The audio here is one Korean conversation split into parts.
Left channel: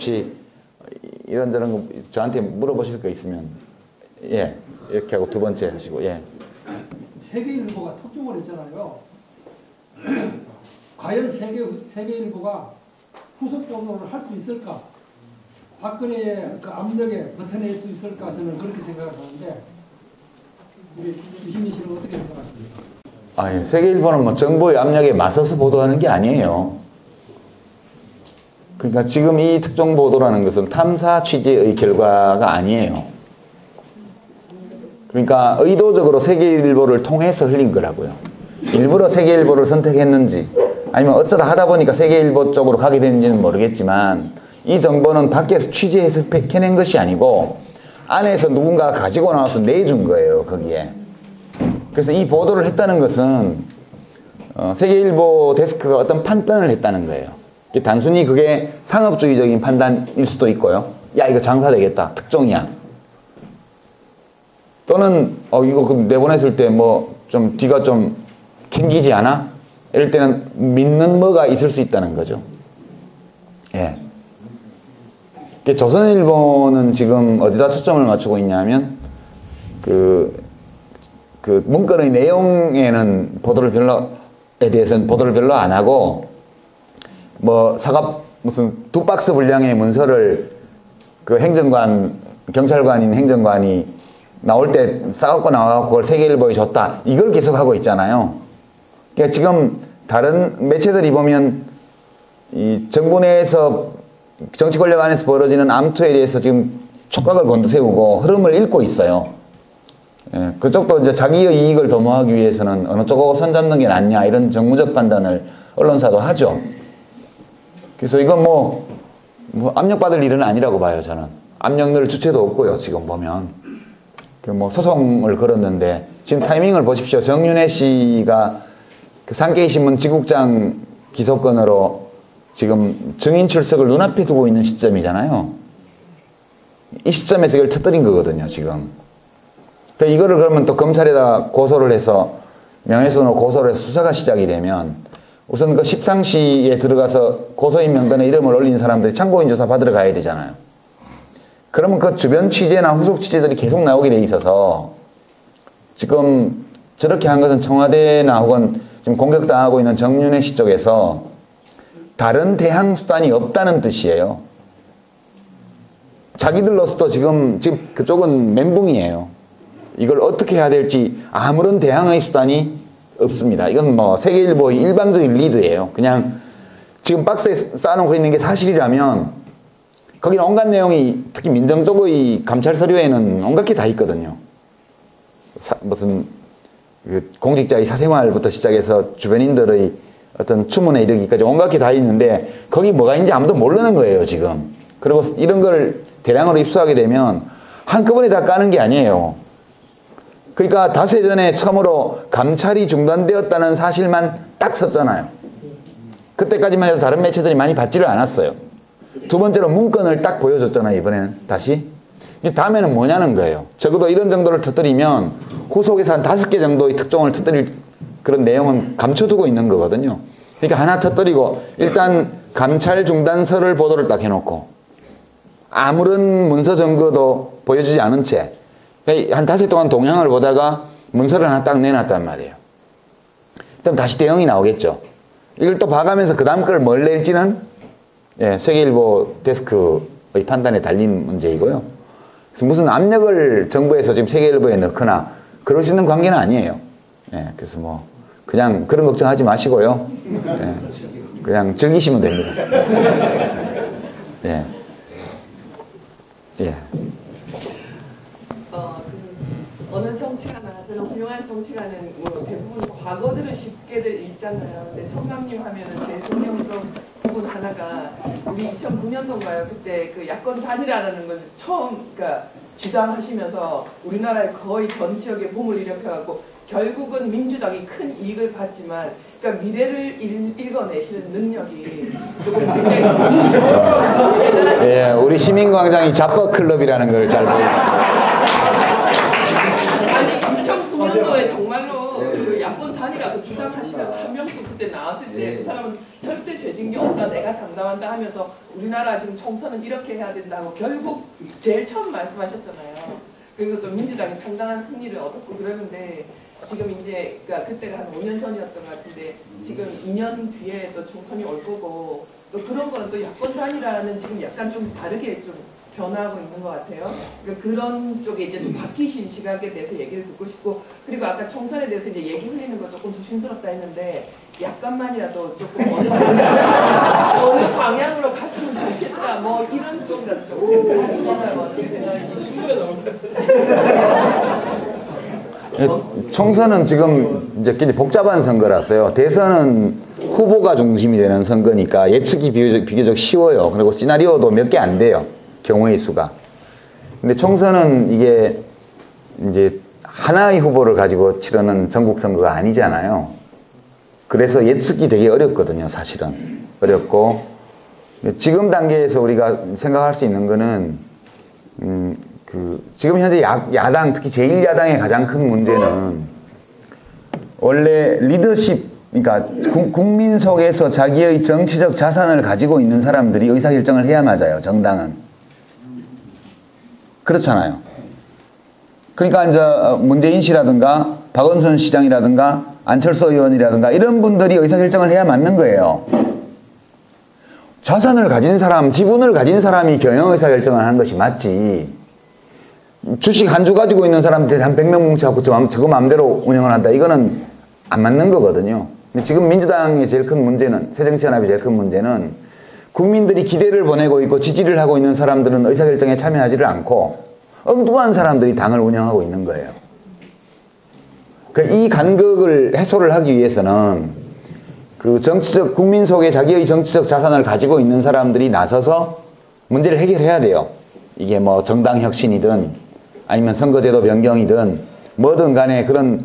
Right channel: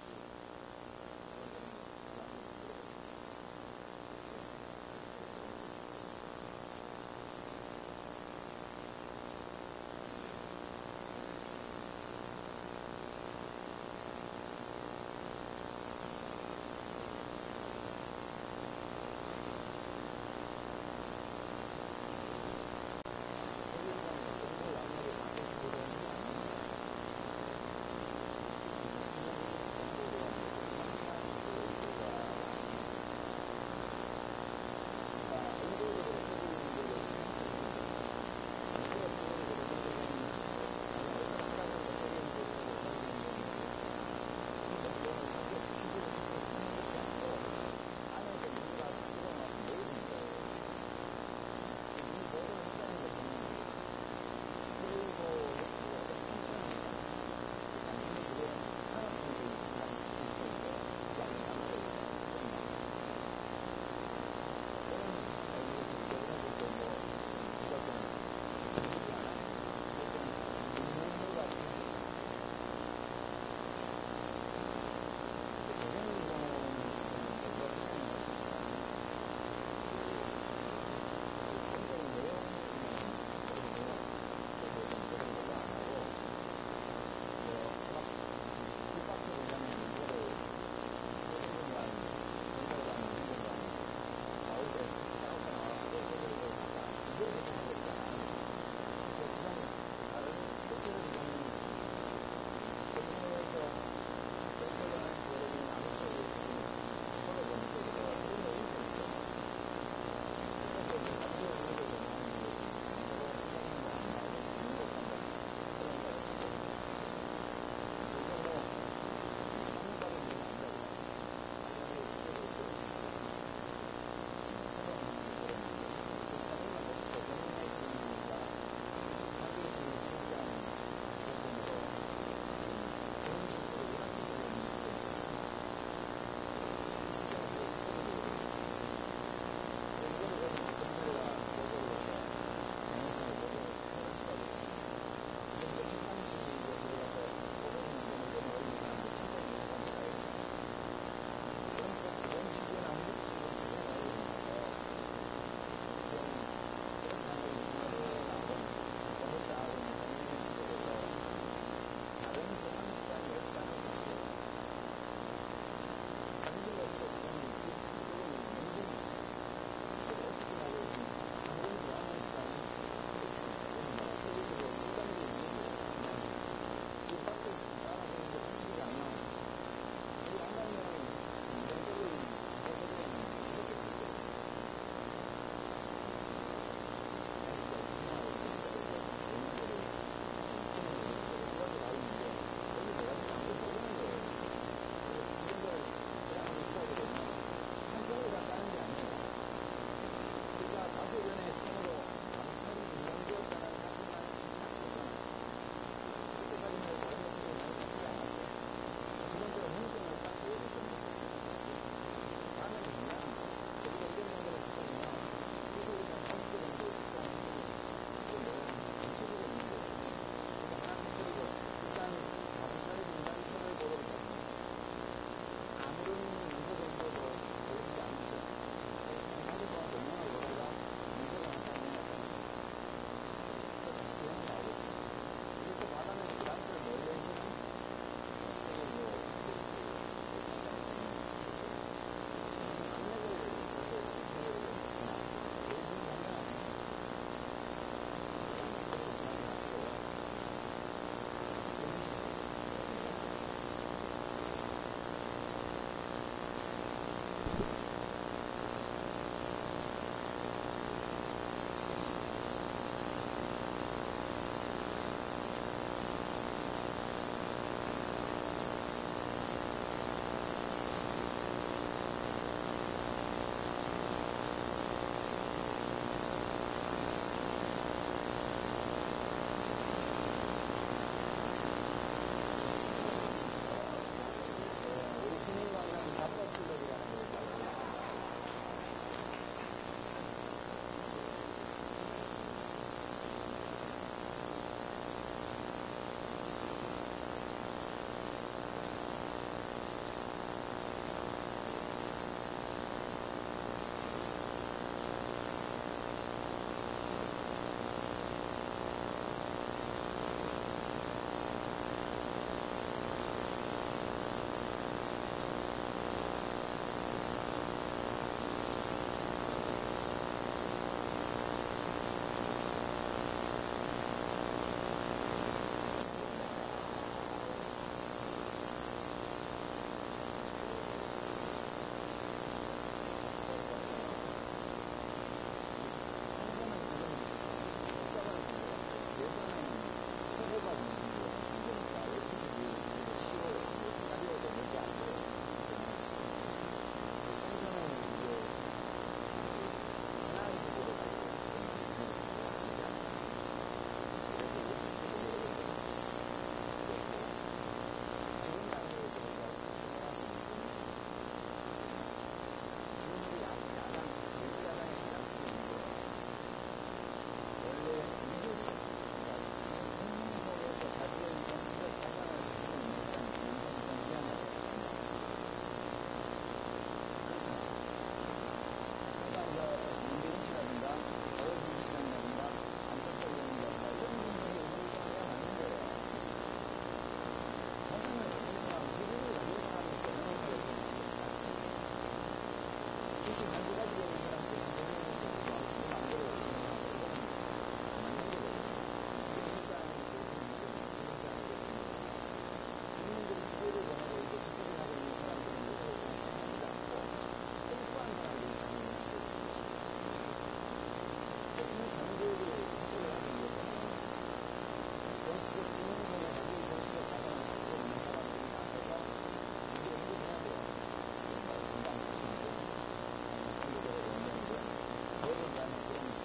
혹시 이런저런 거 저한테 물어보실 거 있으면 예 이렇게 하고 두 번째 하시고 예. 세계일보가 특종을 했잖아요. 과연 세계일보가 후속적으로 할 수 있을까? 박근혜의 그 압력에 버텨낼 수 있을까? 저는 그렇게 생각을 하는데 우리 유시민 씨는 어떻게 생각하십니까? 아니, 세계일보는 뭐 정부의 압력에 맞서서 보도하는 게 아니에요. 그러니까 지금 이 특종 보도라는 것은 탐사 취재의 결과가 아니에요. 그러니까 의도적으로 세계일보를 통해서 흘린 거라고요. 일부러 세계일보를 선택했는지 아니면 어쩌다 하다 보니까 세계일보 쪽으로 가게 되는지는 모르겠지만 이 정보는 밖에서 취재해서 캐낸 것이 아니고 안에서 누군가가 가지고 나와서 내준 거예요. 거기에. 그래서 이 보도를 했다는 것은 세계일보 데스크가 어떤 판단을 했다는 거예요. 단순히 그게 상업주의적인 판단일 수도 있고요. 야 이거 장사되겠다. 특종이야. 또는 이거 내보냈을 때 뭐 좀 뒤가 좀 캥기지 않아? 이럴 때는 믿는 뭐가 있을 수 있다는 거죠. 예. 조선일보는 지금 어디다 초점을 맞추고 있냐면 그 문건의 내용에는 보도에 대해서는 보도를 별로 안 하고 뭐 무슨 2박스 분량의 문서를 그 경찰관인 행정관이 나올 때 싸갖고 나와서 그걸 세계일보에 줬다. 이걸 계속 하고 있잖아요. 그러니까 지금 다른 매체들이 보면 이 정부 내에서 정치 권력 안에서 벌어지는 암투에 대해서 지금 촉각을 곤두세우고 흐름을 읽고 있어요. 예, 그쪽도 이제 자기의 이익을 도모하기 위해서는 어느 쪽하고 손잡는 게 낫냐 이런 정무적 판단을 언론사도 하죠. 그래서 이건 뭐 압력받을 일은 아니라고 봐요, 저는. 압력 넣을 주체도 없고요, 지금 보면. 뭐 소송을 걸었는데 지금 타이밍을 보십시오. 정윤회 씨가 그 산케이신문 지국장 기소건으로 지금 증인 출석을 눈앞에 두고 있는 시점이잖아요. 이 시점에서 이걸 터뜨린 거거든요, 지금. 이거를 그러면 또 검찰에다 고소를 해서 명예훼손으로 고소를 해서 수사가 시작이 되면 우선 그 십상시에 들어가서 고소인 명단에 이름을 올린 사람들이 참고인 조사 받으러 가야 되잖아요. 그러면 그 주변 취재나 후속 취재들이 계속 나오게 돼 있어서 지금 저렇게 한 것은 청와대나 혹은 지금 공격당하고 있는 정윤회 씨 쪽에서 다른 대항 수단이 없다는 뜻이에요. 자기들로서도 지금 그쪽은 멘붕이에요. 이걸 어떻게 해야 될지 아무런 대항의 수단이 없습니다. 이건 뭐 세계일보의 일방적인 리드예요. 그냥 지금 박스에 쌓아놓고 있는 게 사실이라면 거기는 온갖 내용이 특히 민정 쪽의 감찰 서류에는 온갖 게 다 있거든요. 무슨 공직자의 사생활부터 시작해서 주변인들의 어떤 추문에 이르기까지 온갖 게 다 있는데 거기 뭐가 있는지 아무도 모르는 거예요, 지금. 그리고 이런 걸 대량으로 입수하게 되면 한꺼번에 다 까는 게 아니에요. 그러니까 닷새 전에 처음으로 감찰이 중단되었다는 사실만 딱 썼잖아요. 그때까지만 해도 다른 매체들이 많이 받지를 않았어요. 두 번째로 문건을 딱 보여줬잖아요, 이번에는 다시. 다음에는 뭐냐는 거예요. 적어도 이런 정도를 터뜨리면 후속에서 한 5개 정도의 특종을 터뜨릴 그런 내용은 감춰두고 있는 거거든요. 그러니까 하나 터뜨리고 일단 감찰 중단서를 보도를 딱 해놓고 아무런 문서 증거도 보여주지 않은 채 한 5회 동안 동향을 보다가 문서를 하나 딱 내놨단 말이에요. 그럼 다시 대응이 나오겠죠. 이걸 또 봐가면서 그 다음 걸 뭘 낼지는 세계일보 데스크의 판단에 달린 문제이고요. 무슨 압력을 정부에서 지금 세계일보에 넣거나 그럴 수 있는 관계는 아니에요. 그래서 뭐 그냥 그런 걱정하지 마시고요. 그냥 즐기시면 됩니다. 어느 정치가나 그런 훌륭한 정치가는 대부분 과거들을 쉽게들 읽잖아요. 청담님 하면은 대통령 부분 하나가 우리 2009년도인가요? 그때 그 야권 단일화라는 걸 처음 그러니까 주장하시면서 우리나라의 거의 전 지역에 붐을 일으켜갖고 결국은 민주당이 큰 이익을 봤지만 그러니까 미래를 읽어내시는 능력이 굉장히 예, 우리 시민광장이 잡버 클럽이라는 걸 잘 보여요. 아니 2009년도에 정말로 그 야권 단일화 그 주장하시면서 한 명씩 그때 나왔을 때 그 사람은 절대 죄진 게 없다 내가 장담한다 하면서 우리나라 지금 총선은 이렇게 결국 제일 처음 말씀하셨잖아요. 그리고 또 민주당이 상당한 승리를 얻었고 그러는데 지금 이제 그러니까 그때가 한 5년 전이었던 것 같은데 지금 2년 뒤에 또 총선이 올 거고 또 그런 거는 또 야권 단일화는 지금 약간 좀 다르게 좀 변화하고 있는 것 같아요. 그런 쪽에 이제 좀 바뀌신 시각에 대해서 얘기를 듣고 싶고 그리고 아까 총선에 대해서 이제 얘기 흘리는 거 조금 조심스럽다 했는데 약간만이라도 조금 어느 방향으로 갔으면 좋겠다 뭐 이런 쪽이라도 좀 생각해보면 어떻게 생각하시나요? 총선은 지금 이제 굉장히 복잡한 선거라서요. 대선은 후보가 중심이 되는 선거니까 예측이 비교적 쉬워요. 그리고 시나리오도 몇 개 안 돼요. 경우의 수가. 근데 총선은 이게 이제 하나의 후보를 가지고 치르는 전국 선거가 아니잖아요. 그래서 예측이 되게 어렵거든요, 사실은. 어렵고. 지금 단계에서 우리가 생각할 수 있는 거는, 지금 현재 야당, 특히 제1야당의 가장 큰 문제는 원래 리더십, 그러니까 국민 속에서 자기의 정치적 자산을 가지고 있는 사람들이 의사결정을 해야 맞아요, 정당은. 그렇잖아요. 그러니까 이제 문재인 씨라든가 박원순 시장이라든가 안철수 의원이라든가 이런 분들이 의사결정을 해야 맞는 거예요. 자산을 가진 사람, 지분을 가진 사람이 경영 의사결정을 하는 것이 맞지. 주식 한 주 가지고 있는 사람들이 한 100명 뭉쳐갖고 저거 마음대로 운영을 한다. 이거는 안 맞는 거거든요. 근데 지금 민주당의 제일 큰 문제는, 새정치연합의 제일 큰 문제는 국민들이 기대를 보내고 있고 지지를 하고 있는 사람들은 의사결정에 참여하지를 않고 엉뚱한 사람들이 당을 운영하고 있는 거예요. 이 간극을 해소를 하기 위해서는 그 정치적, 국민 속에 자기의 정치적 자산을 가지고 있는 사람들이 나서서 문제를 해결해야 돼요. 이게 뭐 정당 혁신이든 아니면 선거제도 변경이든 뭐든 간에 그런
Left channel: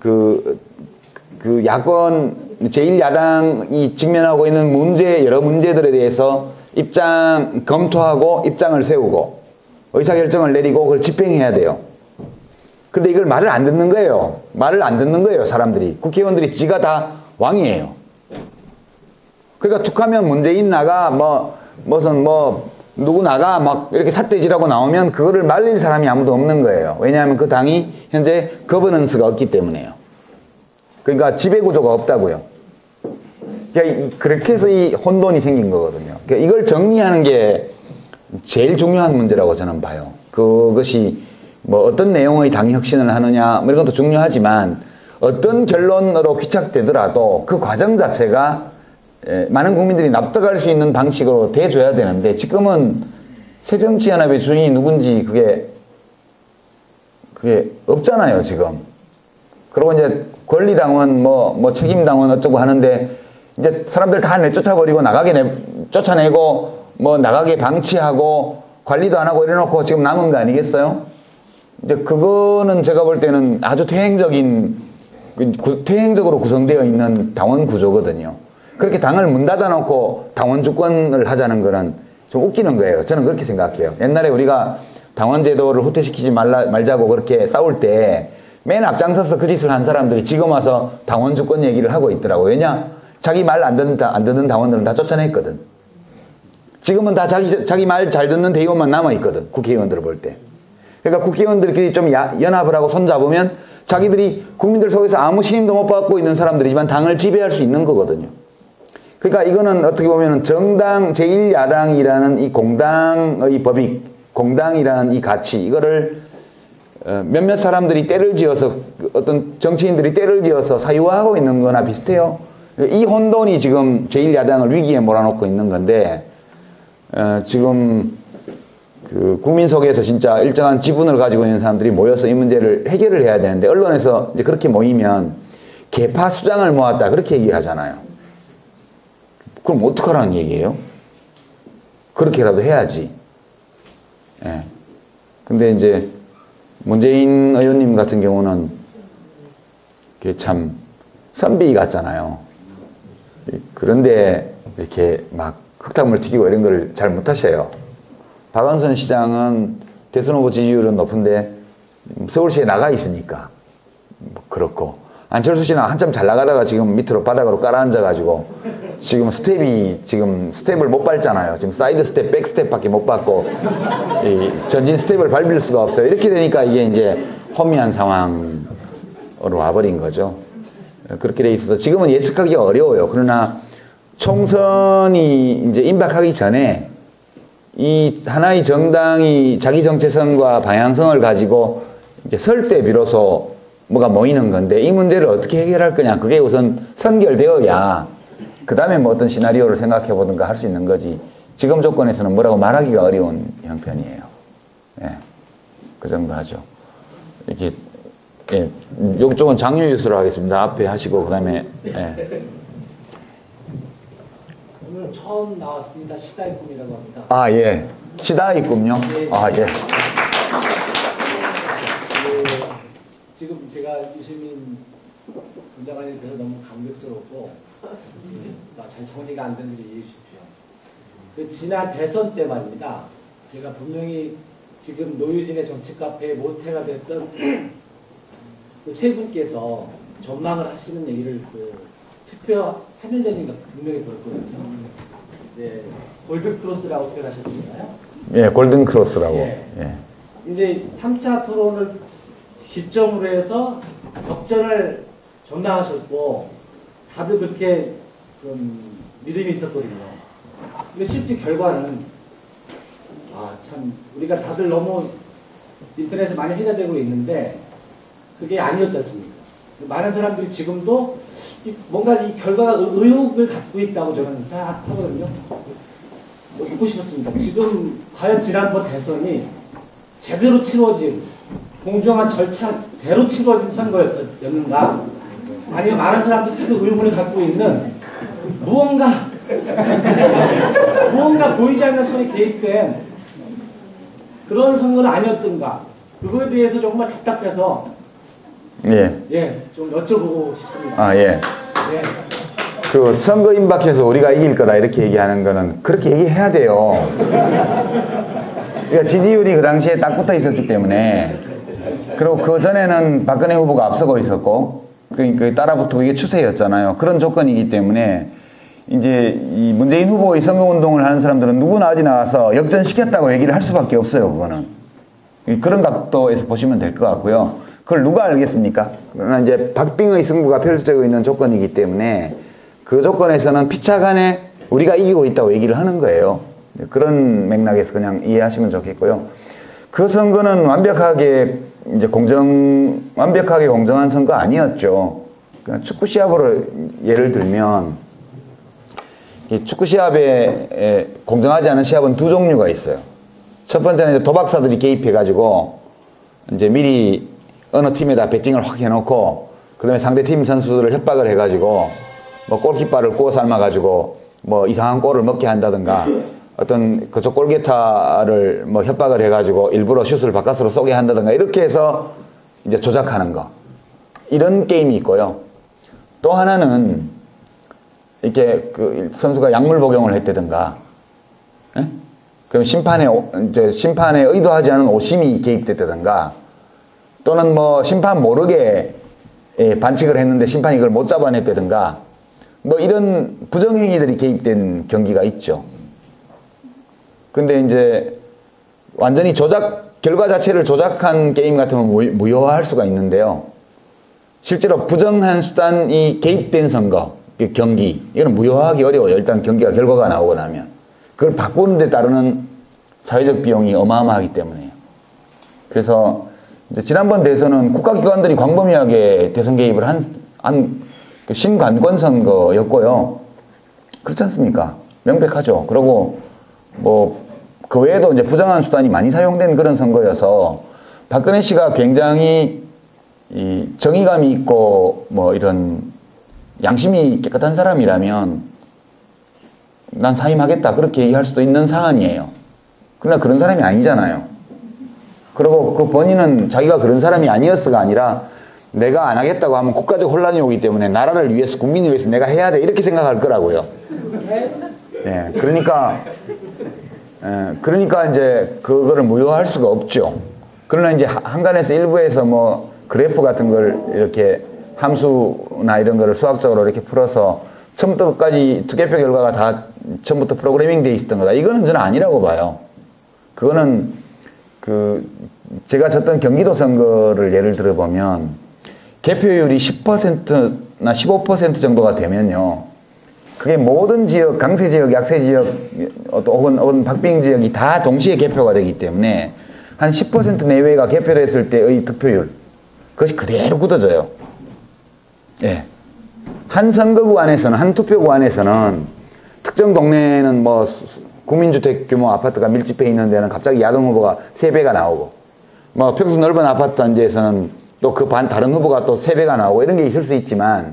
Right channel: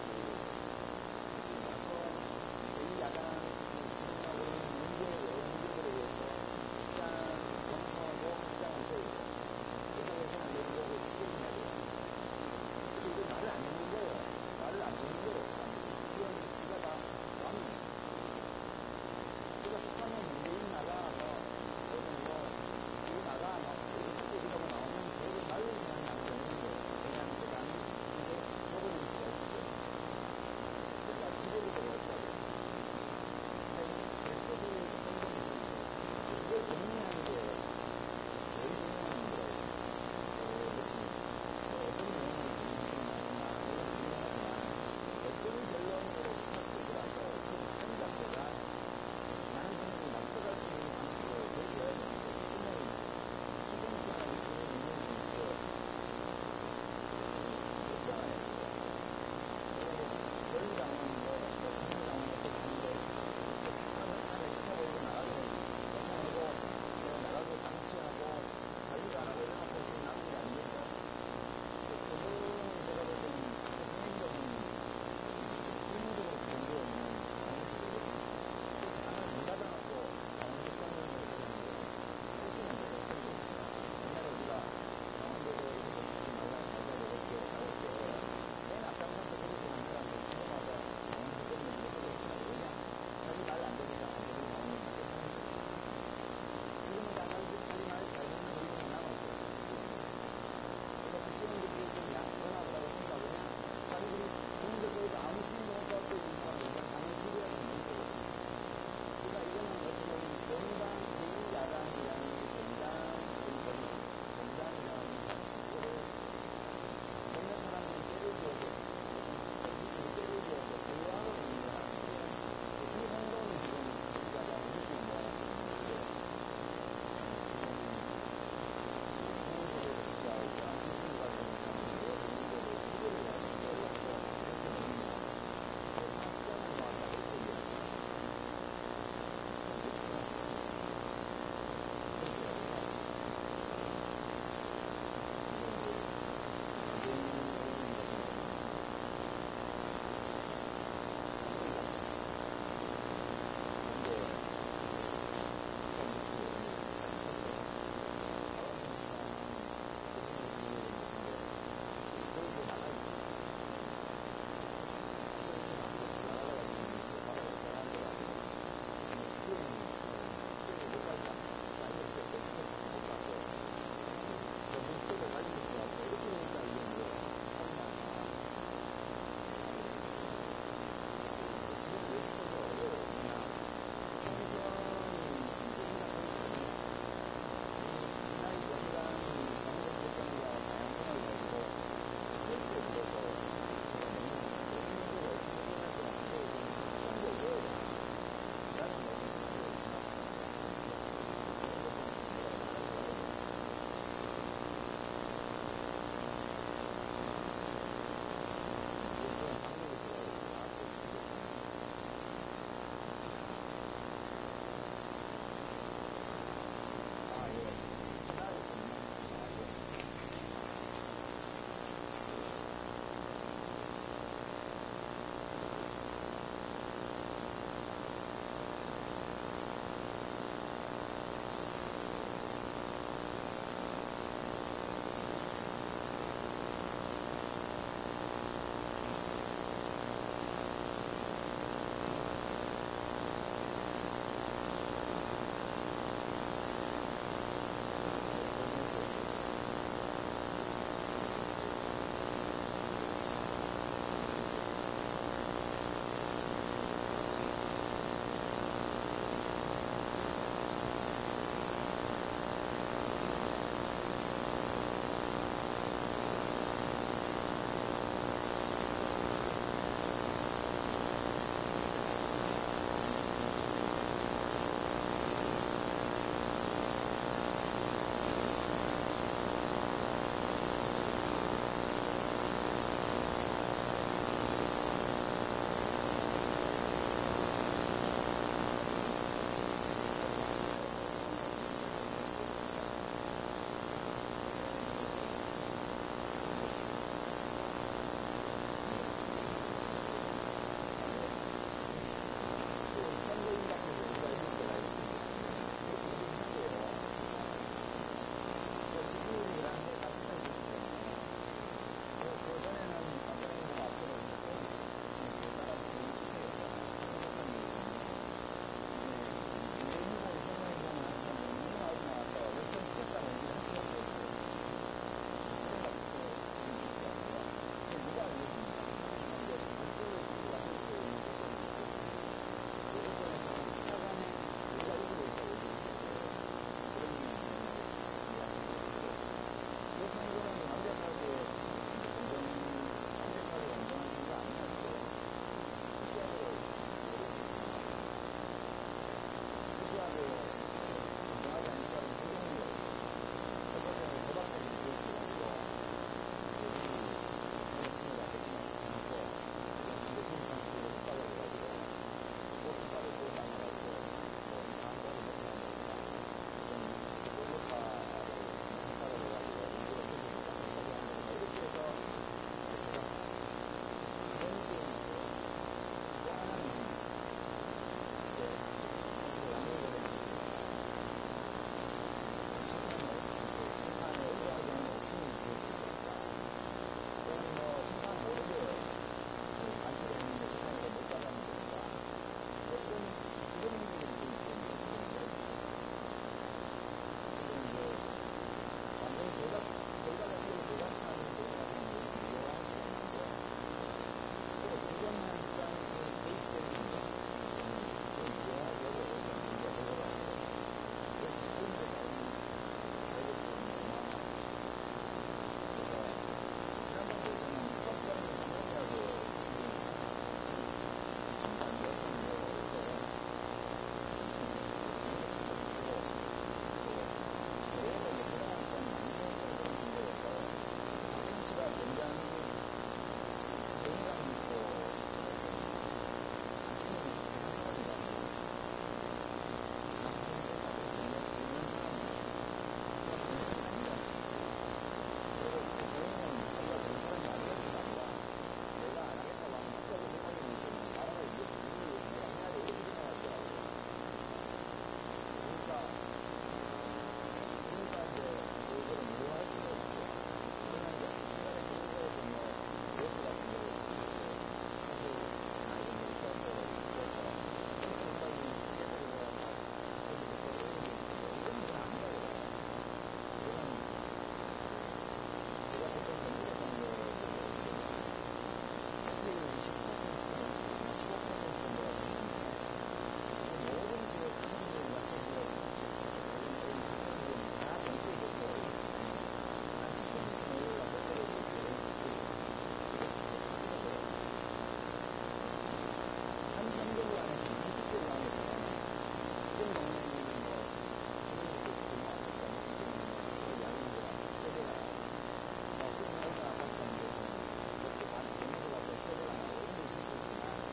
그 야권 제1야당이 직면하고 있는 여러 문제들에 대해서 검토하고 입장을 세우고 의사결정을 내리고 그걸 집행해야 돼요. 근데 이걸 말을 안 듣는 거예요. 말을 안 듣는 거예요, 사람들이. 국회의원들이 지가 다 왕이에요. 그러니까 툭하면 문재인 나가, 누구 나가, 막 이렇게 삿대질하고 나오면 그거를 말릴 사람이 아무도 없는 거예요. 왜냐하면 그 당이 현재 거버넌스가 없기 때문에요. 그러니까 지배구조가 없다고요. 그러니까 그렇게 해서 이 혼돈이 생긴 거거든요. 그러니까 이걸 정리하는 게 제일 중요한 문제라고 저는 봐요. 그것이 뭐 어떤 내용의 당 혁신을 하느냐, 뭐 이런 것도 중요하지만 어떤 결론으로 귀착되더라도 그 과정 자체가 많은 국민들이 납득할 수 있는 방식으로 돼줘야 되는데 지금은 새정치연합의 주인이 누군지 그게 없잖아요, 지금. 그리고 이제 권리당원, 책임당원 어쩌고 하는데 이제 사람들 다 내쫓아버리고 쫓아내고 나가게 방치하고 관리도 안 하고 이래놓고 지금 남은 거 아니겠어요? 이제 그거는 제가 볼 때는 아주 퇴행적으로 구성되어 있는 당원 구조거든요. 그렇게 당을 문 닫아놓고 당원 주권을 하자는 거는 좀 웃기는 거예요. 저는 그렇게 생각해요. 옛날에 우리가 당원 제도를 후퇴시키지 말자고 그렇게 싸울 때 맨 앞장서서 그 짓을 한 사람들이 지금 와서 당원 주권 얘기를 하고 있더라고요. 왜냐? 자기 말 안 듣는 당원들은 다 쫓아냈거든. 지금은 다 자기 말 잘 듣는 대의원만 남아있거든. 국회의원들을 볼 때. 그러니까 국회의원들끼리 좀 연합을 하고 손잡으면 자기들이 국민들 속에서 아무 신임도 못 받고 있는 사람들이지만 당을 지배할 수 있는 거거든요. 그러니까 이거는 어떻게 보면 정당, 제1야당이라는 이 공당의 법익, 공당이라는 이 가치, 이거를 몇몇 사람들이 때를 지어서, 어떤 정치인들이 때를 지어서 사유화하고 있는 거나 비슷해요. 이 혼돈이 지금 제1야당을 위기에 몰아넣고 있는 건데, 지금 국민 속에서 진짜 일정한 지분을 가지고 있는 사람들이 모여서 이 문제를 해결을 해야 되는데, 언론에서 이제 그렇게 모이면 개파 수장을 모았다, 그렇게 얘기하잖아요. 그럼 어떡하라는 얘기예요? 그렇게라도 해야지. 예. 근데 이제 문재인 의원님 같은 경우는 참 선비 같잖아요. 그런데 이렇게 막 흙탕물 튀기고 이런 걸 잘 못하셔요. 박원순 시장은 대선 후보 지지율은 높은데 서울시에 나가 있으니까 그렇고, 안철수 씨는 한참 잘 나가다가 지금 밑으로 바닥으로 깔아앉아가지고 지금 스텝을 못 밟잖아요. 지금 사이드 스텝, 백 스텝밖에 못 밟고 이 전진 스텝을 밟을 수가 없어요. 이렇게 되니까 이게 이제 허미한 상황으로 와버린 거죠. 그렇게 돼 있어서 지금은 예측하기가 어려워요. 그러나 총선이 이제 임박하기 전에 이 하나의 정당이 자기 정체성과 방향성을 가지고 이제 설 때 비로소 뭐가 모이는 건데 이 문제를 어떻게 해결할 거냐 그게 우선 선결되어야 그 다음에 뭐 어떤 시나리오를 생각해 보든가 할 수 있는 거지 지금 조건에서는 뭐라고 말하기가 어려운 형편이에요. 예, 그 정도 하죠. 이렇게 예, 이쪽은 장유 뉴스로 하겠습니다. 앞에 하시고 그 다음에 예. 오늘 처음 나왔습니다. 시다이꿈이라고 합니다. 아 예, 시다이꿈요. 아 예. 지금 제가 유시민 위원장에 대해서 너무 감격스럽고 제 정리가 안 되는 일이 지난 대선 때 말입니다. 제가 분명히 지금 노유진의 정책 카페의 모태가 됐던 그 세 분께서 전망을 하시는 얘기를 특별 해변자님 분명히 들었고 골든크로스라고 표현하셨잖아요. 예, 골든크로스라고. 예. 예. 이제 3차 토론을 시점으로 해서 역전을 전망하셨고 다들 그렇게 좀 믿음이 있었거든요. 근데 실제 결과는 참 우리가 다들 너무 인터넷에 많이 해자되고 있는데 그게 아니었지 않습니까? 많은 사람들이 지금도 뭔가 이 결과가 의혹을 갖고 있다고 저는 생각하거든요. 뭐 믿고 싶었습니다. 지금 과연 지난번 대선이 제대로 치러진 공정한 절차대로 치러진 선거였는가? 아니면 많은 사람들이 계속 의문을 갖고 있는 무언가 보이지 않는 손이 개입된 그런 선거는 아니었던가? 그거에 대해서 정말 답답해서 좀 여쭤보고 싶습니다. 아 예. 예. 그 선거 임박해서 우리가 이길 거다 이렇게 얘기하는 거는 그렇게 얘기해야 돼요. 그러니까 지지율이 그 당시에 딱 붙어 있었기 때문에 그리고 그 전에는 박근혜 후보가 앞서고 있었고 그 따라붙고 이게 추세였잖아요. 그런 조건이기 때문에 이제 이 문재인 후보의 선거운동을 하는 사람들은 누구나 어디 나와서 역전시켰다고 얘기를 할 수밖에 없어요. 그거는 그런 각도에서 보시면 될 것 같고요. 그걸 누가 알겠습니까? 그러나 이제 박빙의 승부가 펼쳐지고 있는 조건이기 때문에 그 조건에서는 피차간에 우리가 이기고 있다고 얘기를 하는 거예요. 그런 맥락에서 그냥 이해하시면 좋겠고요. 그 선거는 완벽하게 공정한 선거 아니었죠. 축구 시합으로 예를 들면 이 축구 시합에 공정하지 않은 시합은 두 종류가 있어요. 첫 번째는 이제 도박사들이 개입해가지고 이제 미리 어느 팀에다 배팅을 확 해놓고 그 다음에 상대팀 선수들을 협박을 해가지고 뭐 골키퍼를 구워 삶아가지고 뭐 이상한 골을 먹게 한다든가 어떤 그쪽 골게타를 뭐 협박을 해가지고 일부러 슛을 바깥으로 쏘게 한다든가 이렇게 해서 이제 조작하는 거 이런 게임이 있고요. 또 하나는 이렇게 그 선수가 약물 복용을 했다든가 예? 그럼 심판에 의도하지 않은 오심이 개입됐다든가 또는 뭐 심판 모르게 반칙을 했는데 심판이 그걸 못 잡아냈다든가 뭐 이런 부정행위들이 개입된 경기가 있죠. 근데 이제 완전히 결과 자체를 조작한 게임 같으면 무효화할 수가 있는데요. 실제로 부정한 수단이 개입된 선거, 경기, 이거는 무효화하기 어려워요. 일단 결과가 나오고 나면. 그걸 바꾸는 데 따르는 사회적 비용이 어마어마하기 때문에. 그래서 지난번 대선은 국가기관들이 광범위하게 대선 개입을 한 신관권 선거였고요. 그렇지 않습니까? 명백하죠. 그리고 뭐 그 외에도 이제 부정한 수단이 많이 사용된 그런 선거여서 박근혜 씨가 굉장히 이 정의감이 있고 뭐 이런 양심이 깨끗한 사람이라면 난 사임하겠다 그렇게 얘기할 수도 있는 사안이에요. 그러나 그런 사람이 아니잖아요. 그리고 그 본인은 자기가 그런 사람이 아니었어가 아니라 내가 안 하겠다고 하면 국가적 혼란이 오기 때문에 나라를 위해서 국민을 위해서 내가 해야 돼 이렇게 생각할 거라고요. 예, 그러니까 이제 그거를 무효화할 수가 없죠. 그러나 이제 한간에서 일부에서 뭐 그래프 같은 걸 이렇게 함수나 이런 거를 수학적으로 이렇게 풀어서 처음부터 끝까지 투개표 결과가 다 처음부터 프로그래밍 돼 있었던 거다. 이거는 저는 아니라고 봐요. 그거는 제가 졌던 경기도 선거를 예를 들어보면 개표율이 10%나 15% 정도가 되면요. 그게 모든 지역, 강세 지역, 약세 지역, 혹은 박빙 지역이 다 동시에 개표가 되기 때문에 한 10% 내외가 개표를 했을 때의 득표율, 그것이 그대로 굳어져요. 예. 한 선거구 안에서는, 한 투표구 안에서는 특정 동네에는 뭐 국민주택 규모 아파트가 밀집해 있는 데는 갑자기 야동 후보가 3배가 나오고, 뭐 평수 넓은 아파트 단지에서는 또 그 다른 후보가 또 3배가 나오고 이런 게 있을 수 있지만,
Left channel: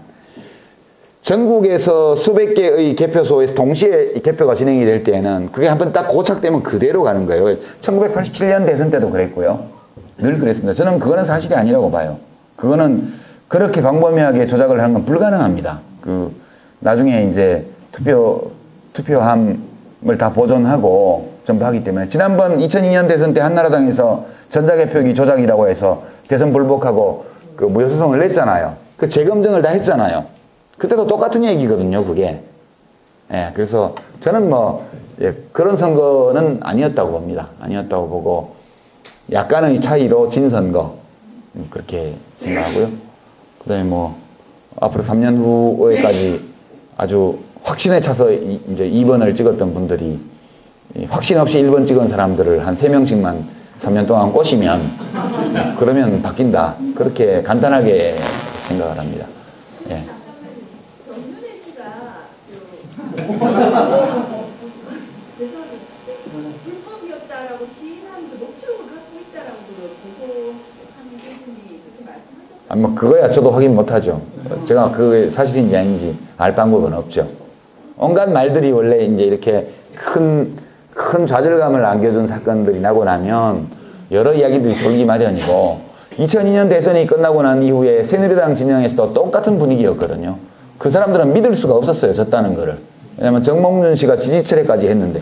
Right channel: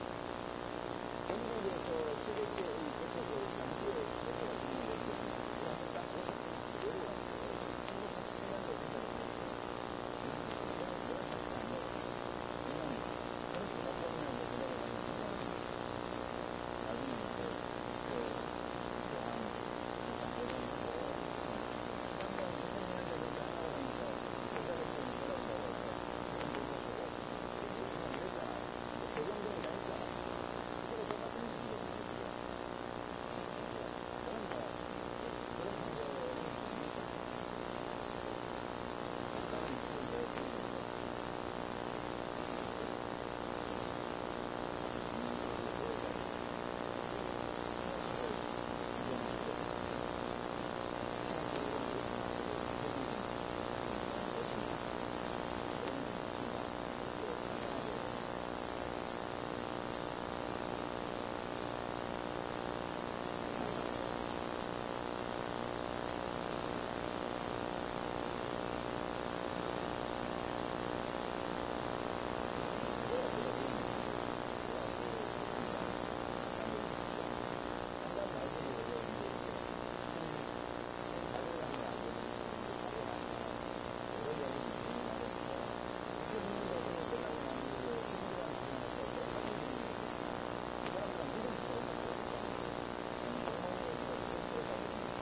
전국에서 수백 개의 개표소에서 동시에 개표가 진행이 될 때에는 그게 한번 딱 고착되면 그대로 가는 거예요. 1987년 대선 때도 그랬고요. 늘 그랬습니다. 저는 그거는 사실이 아니라고 봐요. 그거는 그렇게 광범위하게 조작을 하는 건 불가능합니다. 나중에 이제 투표함을 다 보존하고 전부 하기 때문에, 지난번 2002년 대선 때 한나라당에서 전자개표기 조작이라고 해서 대선 불복하고 무효소송을 냈잖아요. 그 재검증을 다 했잖아요. 그때도 똑같은 얘기거든요, 그게. 예, 그래서 저는 그런 선거는 아니었다고 봅니다. 아니었다고 보고, 약간의 차이로 진 선거, 그렇게 생각하고요. 그 다음에 앞으로 3년 후에까지 아주 확신에 차서 이제 2번을 찍었던 분들이 확신 없이 1번 찍은 사람들을 한 3명씩만 3년 동안 꼬시면, 그러면 바뀐다. 그렇게 간단하게 생각을 합니다. 예. 그거야 저도 확인 못하죠. 제가 그게 사실인지 아닌지 알 방법은 없죠. 온갖 말들이 원래 이제 이렇게 큰 좌절감을 안겨준 사건들이 나고 나면 여러 이야기들이 돌기 마련이고, 2002년 대선이 끝나고 난 이후에 새누리당 진영에서도 똑같은 분위기였거든요. 그 사람들은 믿을 수가 없었어요, 졌다는 거를. 왜냐면 정몽준 씨가 지지철회까지 했는데,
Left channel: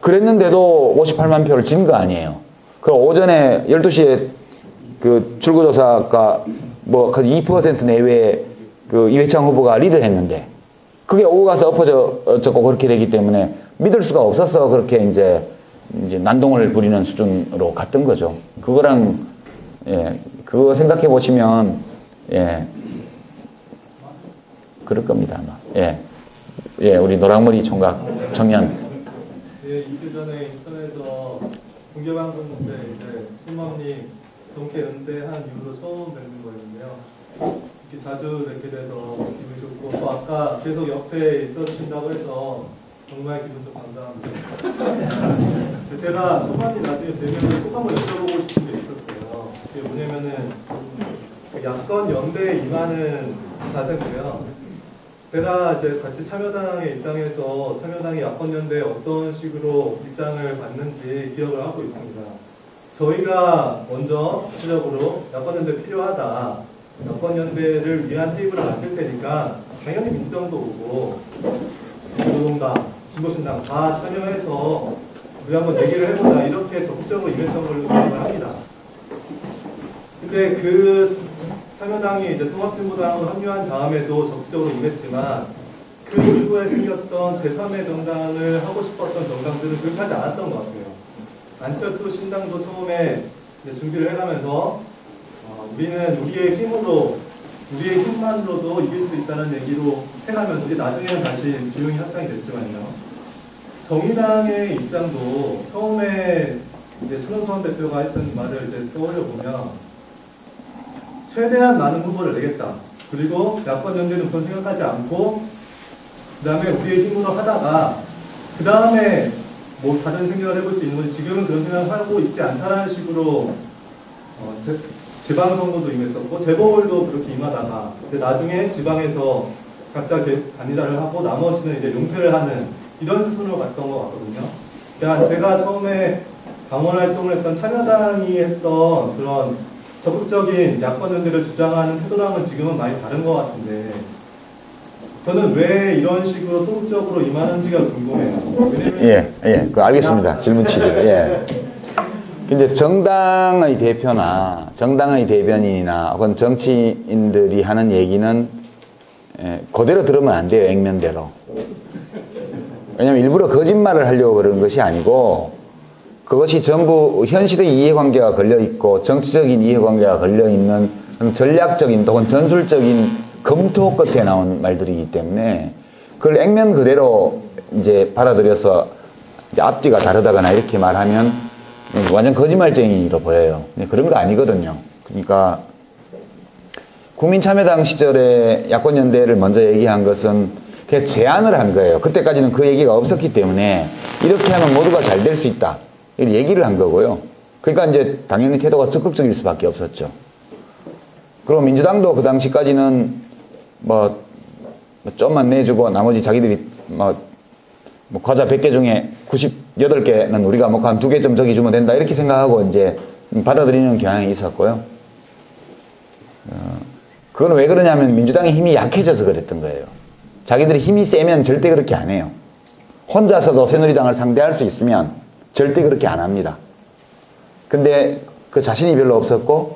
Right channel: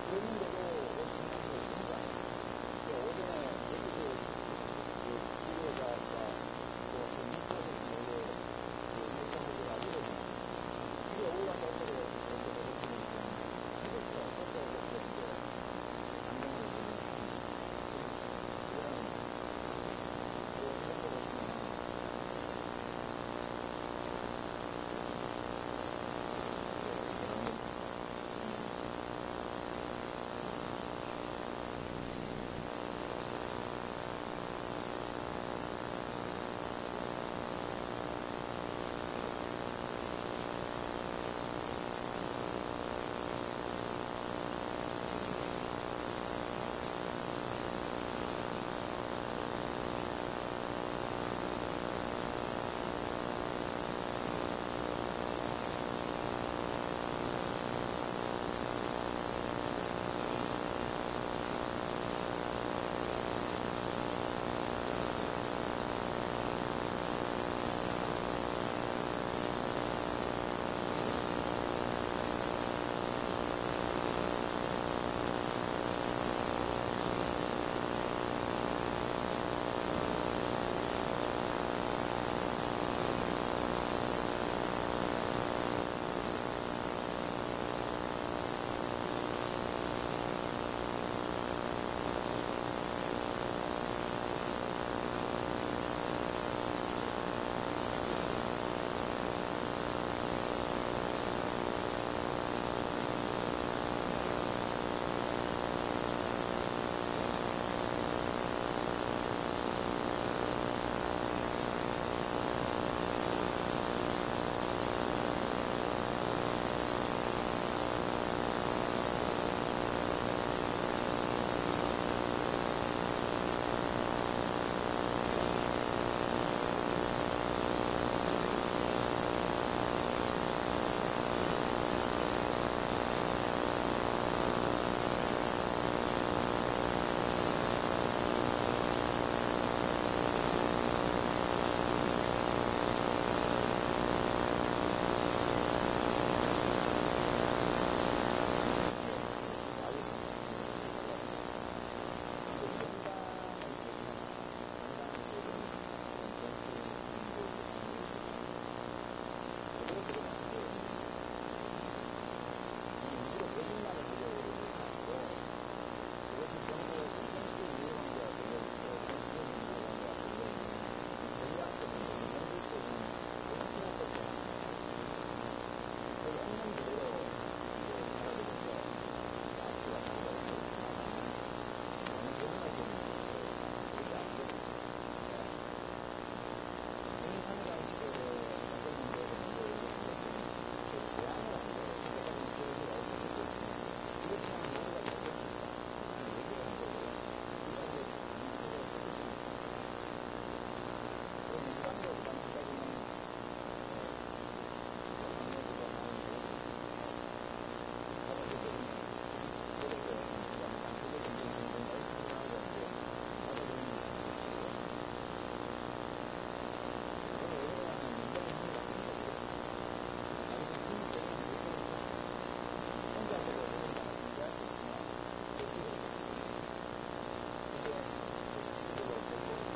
그랬는데도 58만 표를 진 거 아니에요. 그 오전에 12시에 출구조사가 2% 내외에 이회창 후보가 리드했는데, 그게 오고 가서 엎어졌고 그렇게 되기 때문에 믿을 수가 없어서 그렇게 이제 난동을 부리는 수준으로 갔던 거죠. 그거랑, 예, 그거 생각해 보시면, 예, 그럴 겁니다, 아마. 예. 예, 우리 노랑머리 총각 청년. 예, 2주 전에 인터넷에서 공개한 건데, 팀원이 동계 연대한 이후로 처음 뵙는 거거든요. 자주 뵙게 돼서 기분이 좋고, 또 아까 계속 옆에 있어주신다고 해서 정말 기분이 감사합니다. 제가 초반에 나중에 되면 꼭 한번 여쭤보고 싶은 게 있었어요. 그게 뭐냐면은, 야권 연대에 임하는 자세고요. 제가 이제 같이 참여당의 입장에서 참여당이 야권연대에 어떤 식으로 입장을 갖는지 기억을 하고 있습니다. 저희가 먼저 구체적으로 야권연대 필요하다, 야권연대를 위한 테이블을 만들 테니까 당연히 국정도 오고 노동당, 진보신당 다 참여해서 우리 한번 얘기를 해보자, 이렇게 적극적으로 임했던 걸로 기억을 합니다. 근데 참여당이 이제 통합진보당으로 합류한 다음에도 적극적으로 임했지만, 그 이후에 생겼던 제3의 정당을 하고 싶었던 정당들은 그렇게 하지 않았던 것 같아요. 안철수 신당도 처음에 준비를 해가면서 우리는 우리의 힘으로, 우리의 힘만으로도 이길 수 있다는 얘기로 해가면서 나중에는 다시 기용이 확장이 됐지만요. 정의당의 입장도 처음에 이제 신홍선 대표가 했던 말을 떠올려보면, 최대한 많은 후보를 내겠다. 그리고 야권연대는 그건 생각하지 않고, 그 다음에 우리의 힘으로 하다가, 그 다음에 다른 생각을 해볼 수 있는, 지금은 그런 생각을 하고 있지 않다라는 식으로 지방선거도 임했었고, 재보궐도 그렇게 임하다가, 나중에 지방에서 각자 단일화를 하고, 나머지는 이제 은퇴를 하는 이런 수준으로 갔던 것 같거든요. 제가 처음에 당원 활동을 했던 참여당이 했던 그런 적극적인 야권연대를 주장하는 태도랑은 지금은 많이 다른 것 같은데, 저는 왜 이런 식으로 소극적으로 임하는지가 궁금해요. 예, 알겠습니다. 질문 취지. 예. 이제 정당의 대표나 정당의 대변인이나 혹은 정치인들이 하는 얘기는 그대로 들으면 안 돼요. 액면대로. 왜냐하면 일부러 거짓말을 하려고 그러는 것이 아니고 그것이 전부 현실의 이해관계가 걸려있고 정치적인 이해관계가 걸려있는 전략적인 혹은 전술적인 검토 끝에 나온 말들이기 때문에 그걸 액면 그대로 이제 받아들여서 이제 앞뒤가 다르다거나 이렇게 말하면 완전 거짓말쟁이로 보여요. 그런 거 아니거든요. 그러니까 국민참여당 시절에 야권연대를 먼저 얘기한 것은 그냥 제안을 한 거예요. 그때까지는 그 얘기가 없었기 때문에 이렇게 하면 모두가 잘 될 수 있다. 이렇게 얘기를 한 거고요. 그러니까 이제 당연히 태도가 적극적일 수밖에 없었죠. 그리고 민주당도 그 당시까지는 뭐 좀만 내주고 나머지 자기들이 뭐 과자 100개 중에 98개는 우리가 먹고 한 2개 좀 저기 주면 된다 이렇게 생각하고 이제 받아들이는 경향이 있었고요. 그건 왜 그러냐면 민주당의 힘이 약해져서 그랬던 거예요. 자기들이 힘이 세면 절대 그렇게 안 해요. 혼자서도 새누리당을 상대할 수 있으면 절대 그렇게 안 합니다. 근데 그 자신이 별로 없었고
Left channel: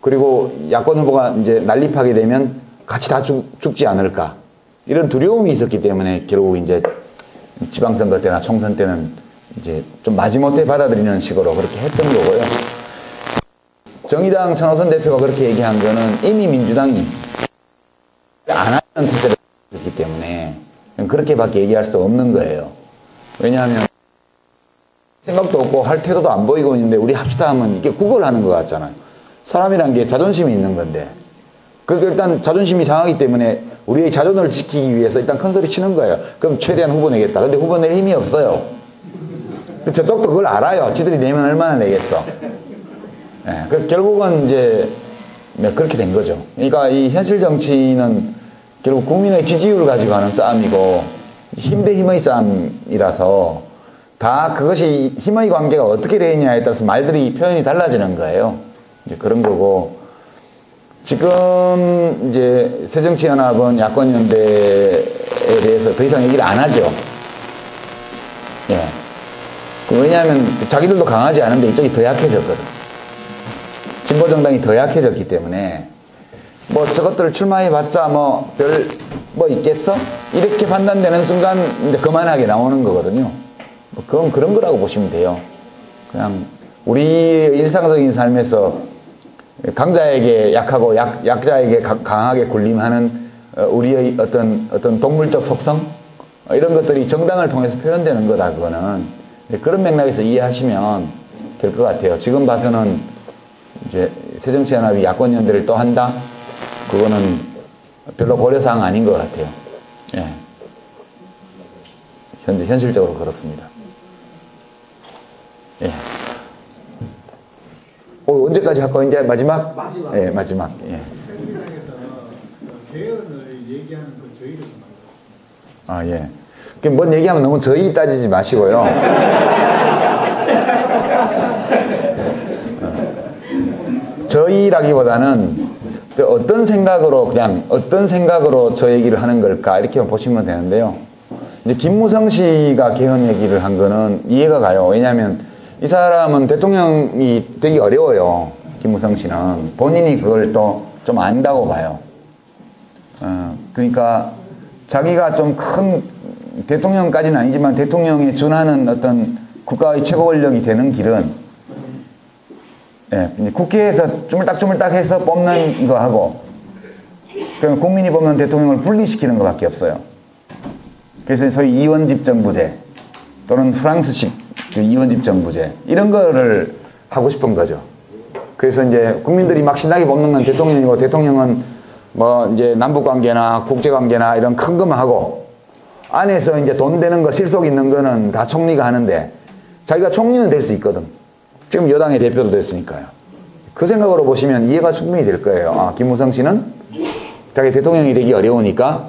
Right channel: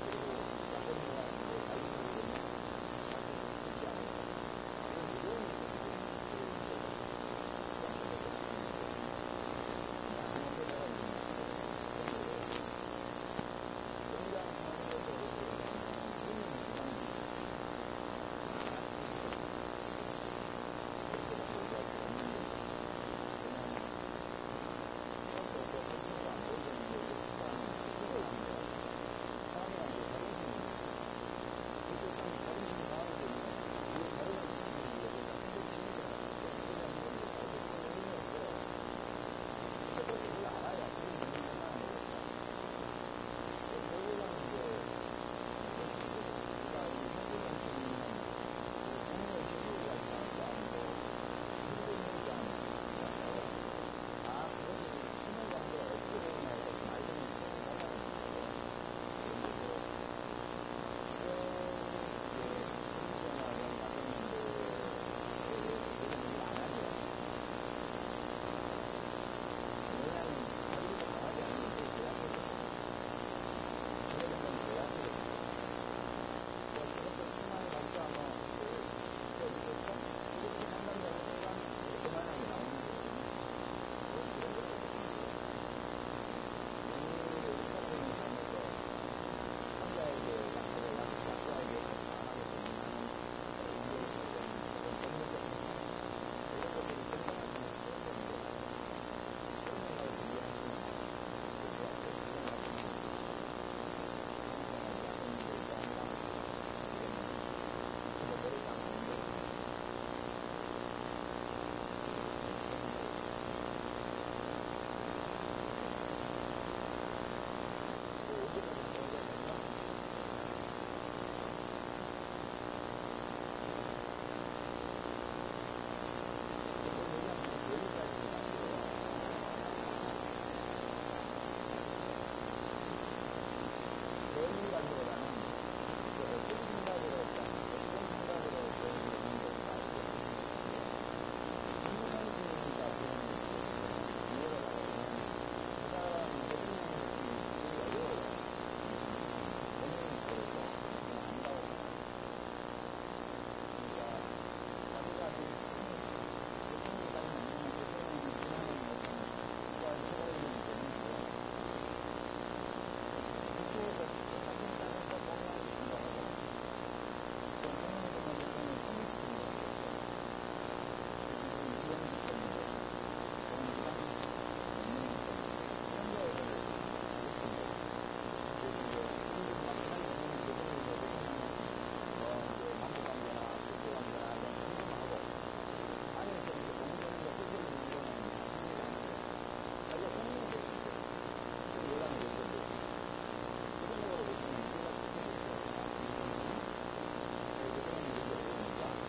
그리고 야권 후보가 이제 난립하게 되면 같이 다 죽지 않을까 이런 두려움이 있었기 때문에 결국 이제 지방선거 때나 총선 때는 이제 좀 마지못해 받아들이는 식으로 그렇게 했던 거고요. 정의당 천호선 대표가 그렇게 얘기한 거는 이미 민주당이 안 하는 태세를 했기 때문에 그렇게밖에 얘기할 수 없는 거예요. 왜냐하면 생각도 없고 할 태도도 안 보이고 있는데 우리 합시다 하면 이게 구걸하는 것 같잖아요. 사람이란 게 자존심이 있는 건데 그러니까 일단 자존심이 상하기 때문에 우리의 자존을 지키기 위해서 일단 큰 소리 치는 거예요. 그럼 최대한 후보 내겠다. 근데 후보 낼 힘이 없어요. 저쪽도 그걸 알아요. 지들이 내면 얼마나 내겠어. 네, 결국은 이제 그렇게 된 거죠. 그러니까 이 현실 정치는 결국 국민의 지지율을 가지고 하는 싸움이고 힘 대 힘의 싸움이라서 다 그것이 힘의 관계가 어떻게 되어 있냐에 따라서 말들이 표현이 달라지는 거예요. 이제 그런 거고 지금 이제 새정치연합은 야권연대에 대해서 더 이상 얘기를 안 하죠. 예. 왜냐하면 자기들도 강하지 않은데 이쪽이 더 약해졌거든. 진보정당이 더 약해졌기 때문에 뭐 저것들 출마해봤자 뭐 별 뭐 있겠어? 이렇게 판단되는 순간 이제 그만하게 나오는 거거든요. 그건 그런 거라고 보시면 돼요. 그냥 우리 일상적인 삶에서 강자에게 약하고 약자에게 강하게 군림하는 우리의 어떤 동물적 속성 이런 것들이 정당을 통해서 표현되는 거다. 그거는 그런 맥락에서 이해하시면 될 것 같아요. 지금 봐서는 이제 새정치연합이 야권연대를 또 한다? 그거는 별로 고려사항 아닌 것 같아요. 예. 현재 현실적으로 그렇습니다. 예. 언제까지 할 거예요? 이제 마지막? 마지막. 예, 마지막. 예. 개헌을 얘기하는 그 저희를 아, 예. 뭔 얘기하면 너무 저희 따지지 마시고요. 저희라기보다는 어떤 생각으로 저 얘기를 하는 걸까 이렇게 보시면 되는데요. 이제 김무성 씨가 개헌 얘기를 한 거는 이해가 가요. 왜냐하면 이 사람은 대통령이 되기 어려워요. 김무성 씨는 본인이 그걸 또 좀 안다고 봐요. 그러니까 자기가 좀 큰 대통령까지는 아니지만 대통령에 준하는 어떤 국가의 최고 권력이 되는 길은 예, 국회에서 주물딱주물딱 해서 뽑는 거 하고 그럼 국민이 보면 대통령을 분리시키는 것밖에 없어요. 그래서 소위 이원집 정부제 또는 프랑스식 이원집 정부제 이런 거를 하고 싶은 거죠. 그래서 이제 국민들이 막 신나게 뽑는 건 대통령이고 대통령은 뭐 이제 남북관계나 국제관계나 이런 큰 것만 하고 안에서 이제 돈 되는 거 실속 있는 거는 다 총리가 하는데 자기가 총리는 될 수 있거든. 지금 여당의 대표도 됐으니까요. 그 생각으로 보시면 이해가 충분히 될 거예요. 아, 김무성 씨는 자기 대통령이 되기 어려우니까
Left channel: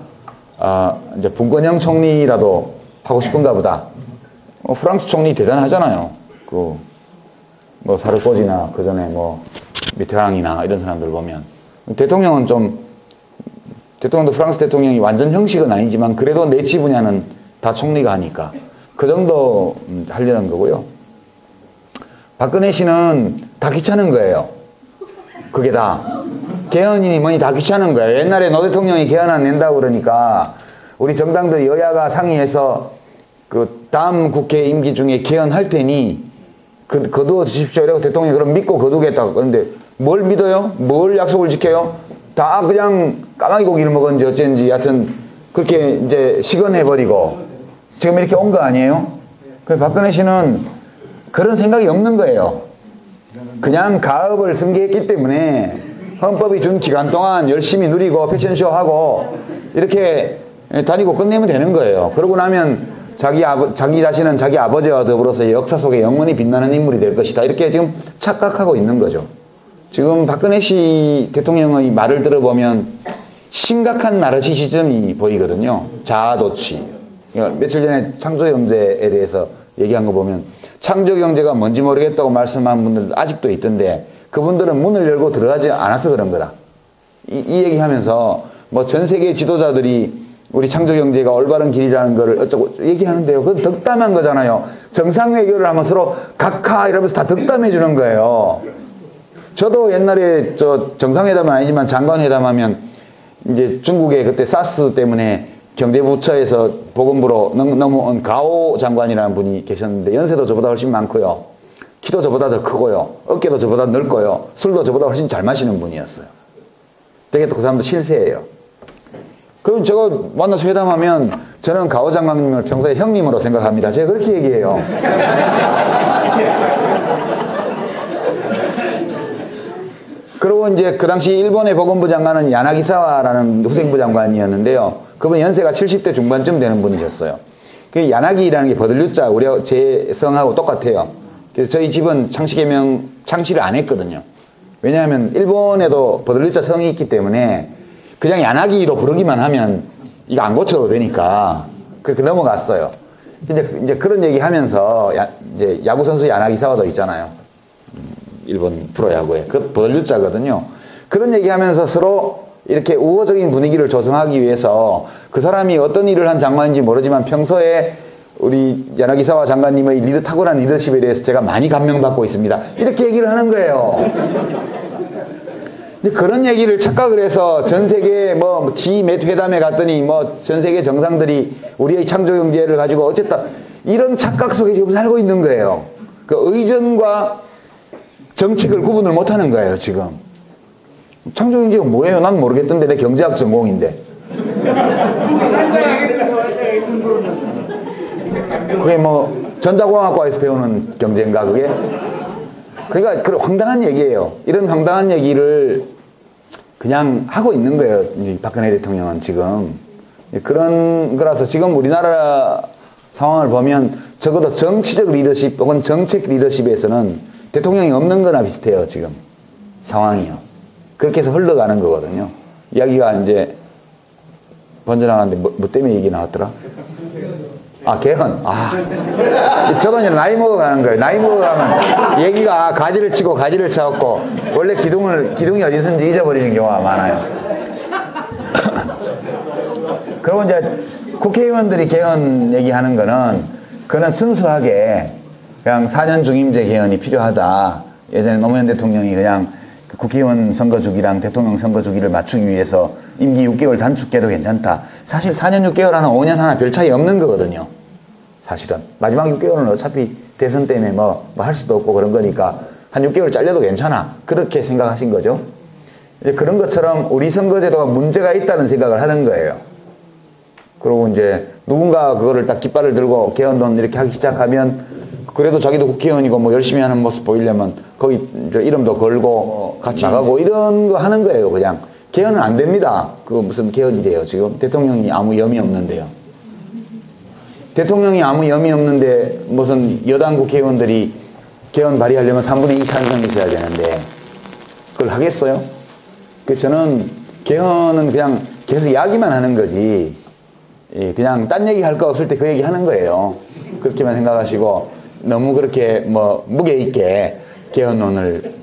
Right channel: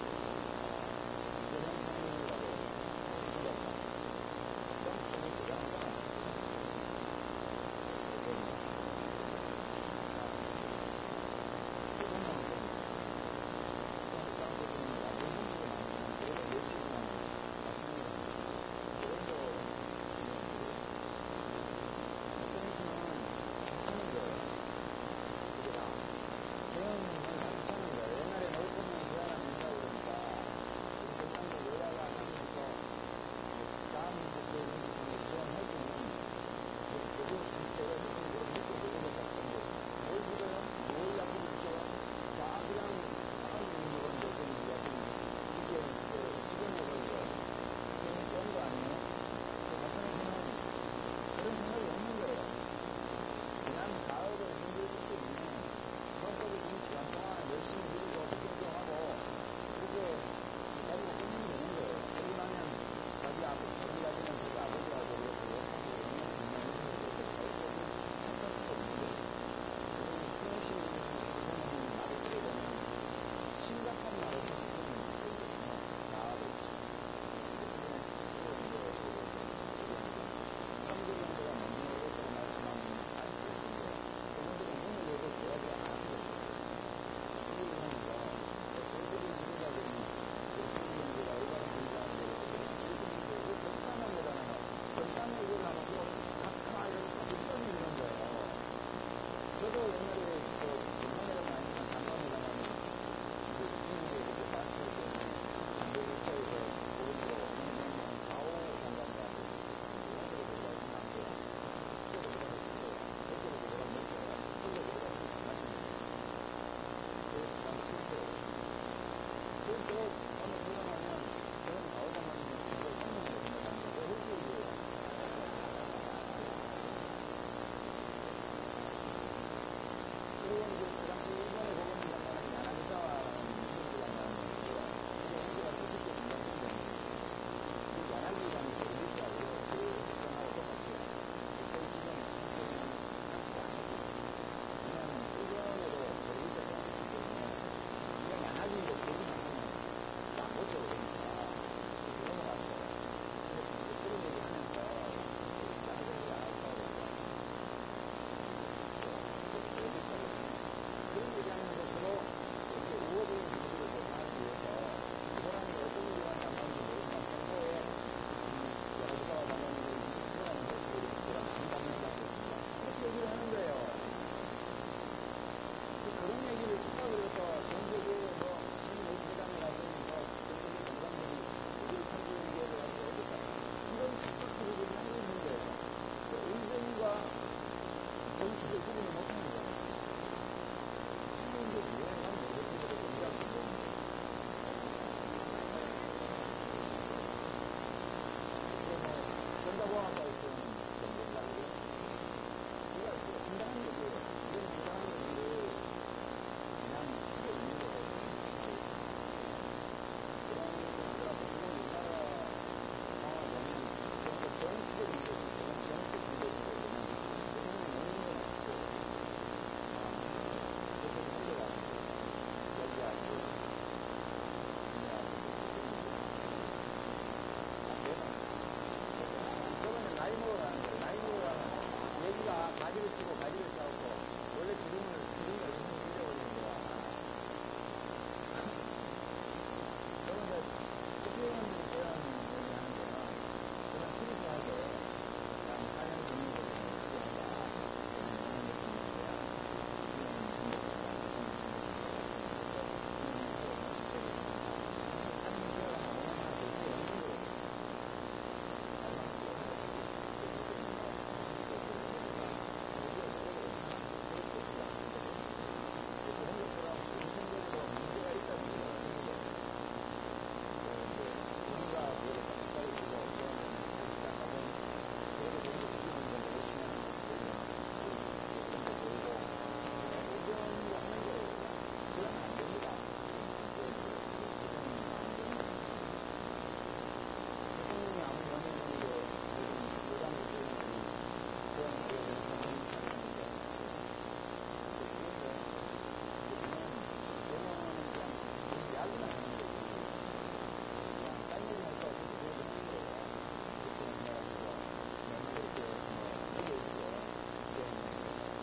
이제 분권형 총리라도 하고 싶은가 보다. 프랑스 총리 대단하잖아요. 뭐 사르코지나 그 전에 뭐 미테랑이나 이런 사람들 보면 대통령은 대통령도 프랑스 대통령이 완전 형식은 아니지만 그래도 내치 분야는 다 총리가 하니까 그 정도 하려는 거고요. 박근혜 씨는 다 귀찮은 거예요. 그게 다. 개헌이니 뭐니 다 귀찮은 거예요. 옛날에 노 대통령이 개헌 안 낸다고 그러니까 우리 정당들 여야가 상의해서 그 다음 국회 임기 중에 개헌할 테니 거두어 주십시오. 이라고 대통령이 그럼 믿고 거두겠다고. 그런데 뭘 믿어요? 뭘 약속을 지켜요? 다 그냥 까마귀 고기를 먹었는지 어쩐지 하여튼 그렇게 이제 시건해버리고 지금 이렇게 온 거 아니에요? 그래서 박근혜 씨는 그런 생각이 없는 거예요. 그냥 가업을 승계했기 때문에 헌법이 준 기간 동안 열심히 누리고 패션쇼하고 이렇게 다니고 끝내면 되는 거예요. 그러고 나면 자기 자신은 자기 아버지와 더불어서 역사 속에 영원히 빛나는 인물이 될 것이다. 이렇게 지금 착각하고 있는 거죠. 지금 박근혜 씨 대통령의 말을 들어보면 심각한 나르시시즘이 보이거든요. 자아도취. 며칠 전에 창조경제에 대해서 얘기한 거 보면 창조경제가 뭔지 모르겠다고 말씀한 분들도 아직도 있던데 그분들은 문을 열고 들어가지 않아서 그런 거다. 이 얘기하면서 뭐 전 세계 지도자들이 우리 창조경제가 올바른 길이라는 거를 어쩌고 얘기하는데요. 그건 덕담한 거잖아요. 정상외교를 하면 서로 각하 이러면서 다 덕담해 주는 거예요. 저도 옛날에 저 정상회담은 아니지만 장관회담하면 이제 중국에 그때 사스 때문에 경제부처에서 보건부로 넘어온 가오 장관이라는 분이 계셨는데 연세도 저보다 훨씬 많고요. 키도 저보다 더 크고요. 어깨도 저보다 넓고요. 술도 저보다 훨씬 잘 마시는 분이었어요. 되게 또 그 사람도 실세예요. 그럼 제가 만나서 회담하면 저는 가오 장관님을 평소에 형님으로 생각합니다. 제가 그렇게 얘기해요. 그리고 이제 그 당시 일본의 보건부 장관은 야나기사와라는 후생부 장관이었는데요. 그분 연세가 70대 중반쯤 되는 분이셨어요. 그 야나기라는 게 버들류자, 우리 제 성하고 똑같아요. 그래서 저희 집은 창씨개명 창씨를 안 했거든요. 왜냐하면 일본에도 버들류자 성이 있기 때문에 그냥 야나기로 부르기만 하면 이거 안 고쳐도 되니까 그렇게 넘어갔어요. 이제 그런 얘기 하면서 이제 야구선수 야나기사와도 있잖아요. 일본 프로야구에. 그 버들류자거든요. 그런 얘기 하면서 서로 이렇게 우호적인 분위기를 조성하기 위해서 그 사람이 어떤 일을 한 장관인지 모르지만 평소에 우리 야나기사와 장관님의 탁월한 리더십에 대해서 제가 많이 감명받고 있습니다. 이렇게 얘기를 하는 거예요. 이제 그런 얘기를 착각을 해서 전 세계 뭐 G-몇 회담에 갔더니 뭐 전 세계 정상들이 우리의 창조경제를 가지고 어쨌다. 이런 착각 속에 지금 살고 있는 거예요. 그 의전과 정책을 구분을 못하는 거예요, 지금. 창조경제가 뭐예요? 난 모르겠던데 내 경제학 전공인데. 그게 뭐 전자공학과에서 배우는 경제인가 그게? 그러니까 그런 황당한 얘기예요. 이런 황당한 얘기를 그냥 하고 있는 거예요, 이 박근혜 대통령은 지금. 그런 거라서 지금 우리나라 상황을 보면 적어도 정치적 리더십 혹은 정책 리더십에서는 대통령이 없는 거나 비슷해요, 지금. 상황이요. 그렇게 해서 흘러가는 거거든요. 이야기가 이제 번져나가는데 뭐 때문에 얘기 나왔더라? 아, 개헌. 아. 저도 이제 나이 먹어가는 거예요. 나이 먹어가면 얘기가 가지를 치고 가지를 쳐갖고 원래 기둥이 어디선지 잊어버리는 경우가 많아요. 그리고 이제 국회의원들이 개헌 얘기하는 거는 그는 순수하게 그냥 4년 중임제 개헌이 필요하다. 예전에 노무현 대통령이 그냥 국회의원 선거 주기랑 대통령 선거 주기를 맞추기 위해서 임기 6개월 단축해도 괜찮다. 사실 4년 6개월 하나 5년 하나 별 차이 없는 거거든요. 사실은. 마지막 6개월은 어차피 대선 때문에 뭐 할 수도 없고 그런 거니까 한 6개월 잘려도 괜찮아. 그렇게 생각하신 거죠. 이제 그런 것처럼 우리 선거제도가 문제가 있다는 생각을 하는 거예요. 그리고 이제 누군가 그거를 딱 깃발을 들고 개헌론 이렇게 하기 시작하면 그래도 자기도 국회의원이고 뭐 열심히 하는 모습 보이려면 거기 이름도 걸고 같이 나가고 이런 거 하는 거예요, 그냥. 개헌은 안 됩니다. 그거 무슨 개헌이 돼요, 지금? 대통령이 아무 염이 없는데요. 대통령이 아무 염이 없는데 무슨 여당 국회의원들이 개헌 발의하려면 3분의 2 찬성이 있어야 되는데 그걸 하겠어요? 그래서 저는 개헌은 그냥 계속 이야기만 하는 거지 그냥 딴 얘기 할 거 없을 때 그 얘기 하는 거예요. 그렇게만 생각하시고 너무 그렇게 뭐 무게 있게 개헌론을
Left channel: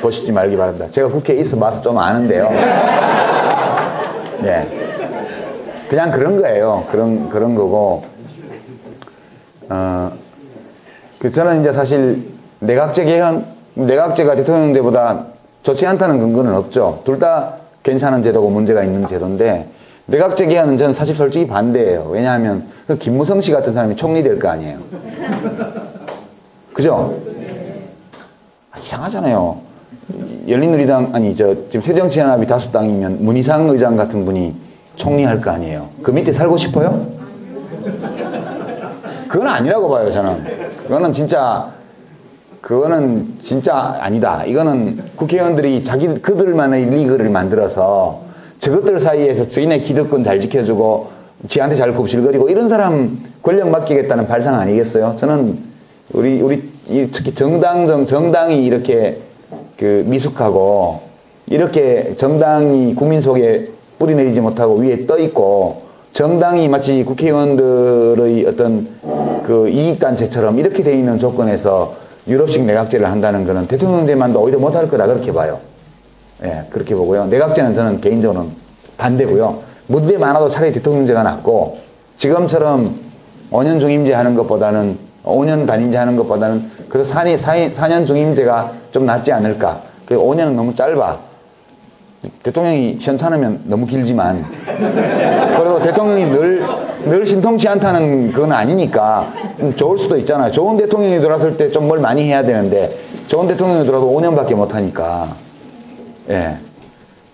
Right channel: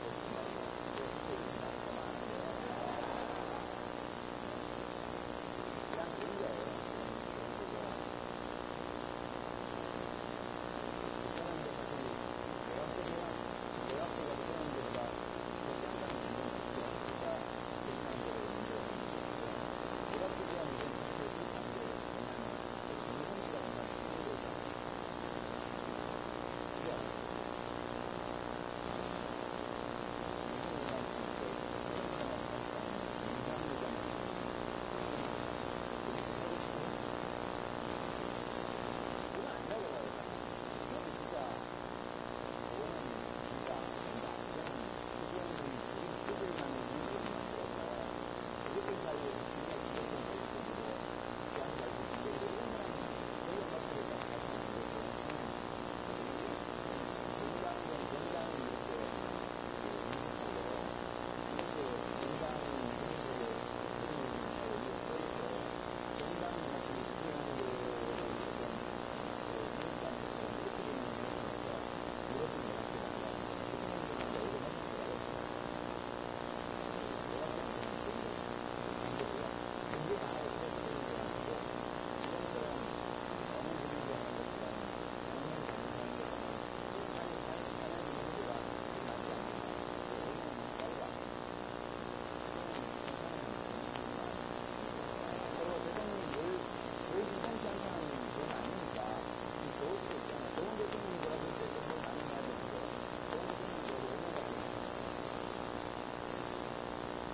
보시지 말기 바랍니다. 제가 국회에 있어 봐서 좀 아는데요. 네. 그냥 그런 거예요. 그런 거고. 저는 이제 사실 내각제가 대통령제보다 좋지 않다는 근거는 없죠. 둘 다 괜찮은 제도고 문제가 있는 제도인데, 내각제 개헌은 저는 사실 솔직히 반대예요. 왜냐하면 그 김무성 씨 같은 사람이 총리 될 거 아니에요. 그죠? 이상하잖아요. 열린우리당, 지금 새정치연합이 다수당이면 문희상 의장 같은 분이 총리할 거 아니에요. 그 밑에 살고 싶어요? 그건 아니라고 봐요, 저는. 그거는 진짜 아니다. 이거는 국회의원들이 그들만의 리그를 만들어서 저것들 사이에서 저희네 기득권 잘 지켜주고 지한테 잘 굽실거리고 이런 사람 권력 맡기겠다는 발상 아니겠어요? 저는 특히 정당이 이렇게 그 미숙하고 이렇게 정당이 국민 속에 뿌리 내리지 못하고 위에 떠 있고 정당이 마치 국회의원들의 어떤 그 이익단체처럼 이렇게 돼 있는 조건에서 유럽식 내각제를 한다는 것은 대통령제만도 오히려 못할 거다 그렇게 봐요. 예, 그렇게 보고요. 내각제는 저는 개인적으로는 반대고요. 문제 많아도 차라리 대통령제가 낫고 지금처럼 5년 중임제 하는 것보다는 5년 단임제 하는 것보다는 그래서 4년 중임제가 좀 낫지 않을까. 그 5년은 너무 짧아. 대통령이 시원찮으면 너무 길지만 그리고 대통령이 늘 신통치 않다는 그건 아니니까 좋을 수도 있잖아요. 좋은 대통령이 들어왔을 때 좀 뭘 많이 해야 되는데 좋은 대통령이 들어도 5년밖에 못하니까 예.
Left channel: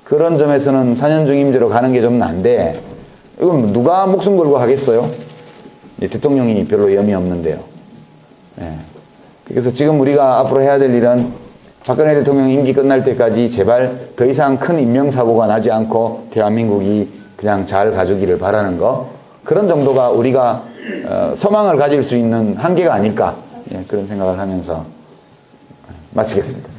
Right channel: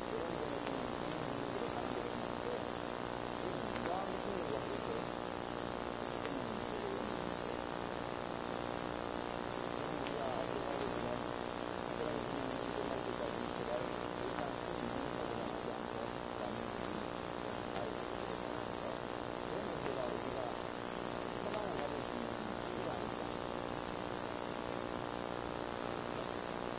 그런 점에서는 4년 중임제로 가는 게 좀 난데 이건 누가 목숨 걸고 하겠어요? 대통령이 별로 염이 없는데요. 예. 그래서 지금 우리가 앞으로 해야 될 일은 박근혜 대통령 임기 끝날 때까지 제발 더 이상 큰 인명사고가 나지 않고 대한민국이 그냥 잘 가주기를 바라는 거, 그런 정도가 우리가 소망을 가질 수 있는 한계가 아닐까, 예, 그런 생각을 하면서 마치겠습니다.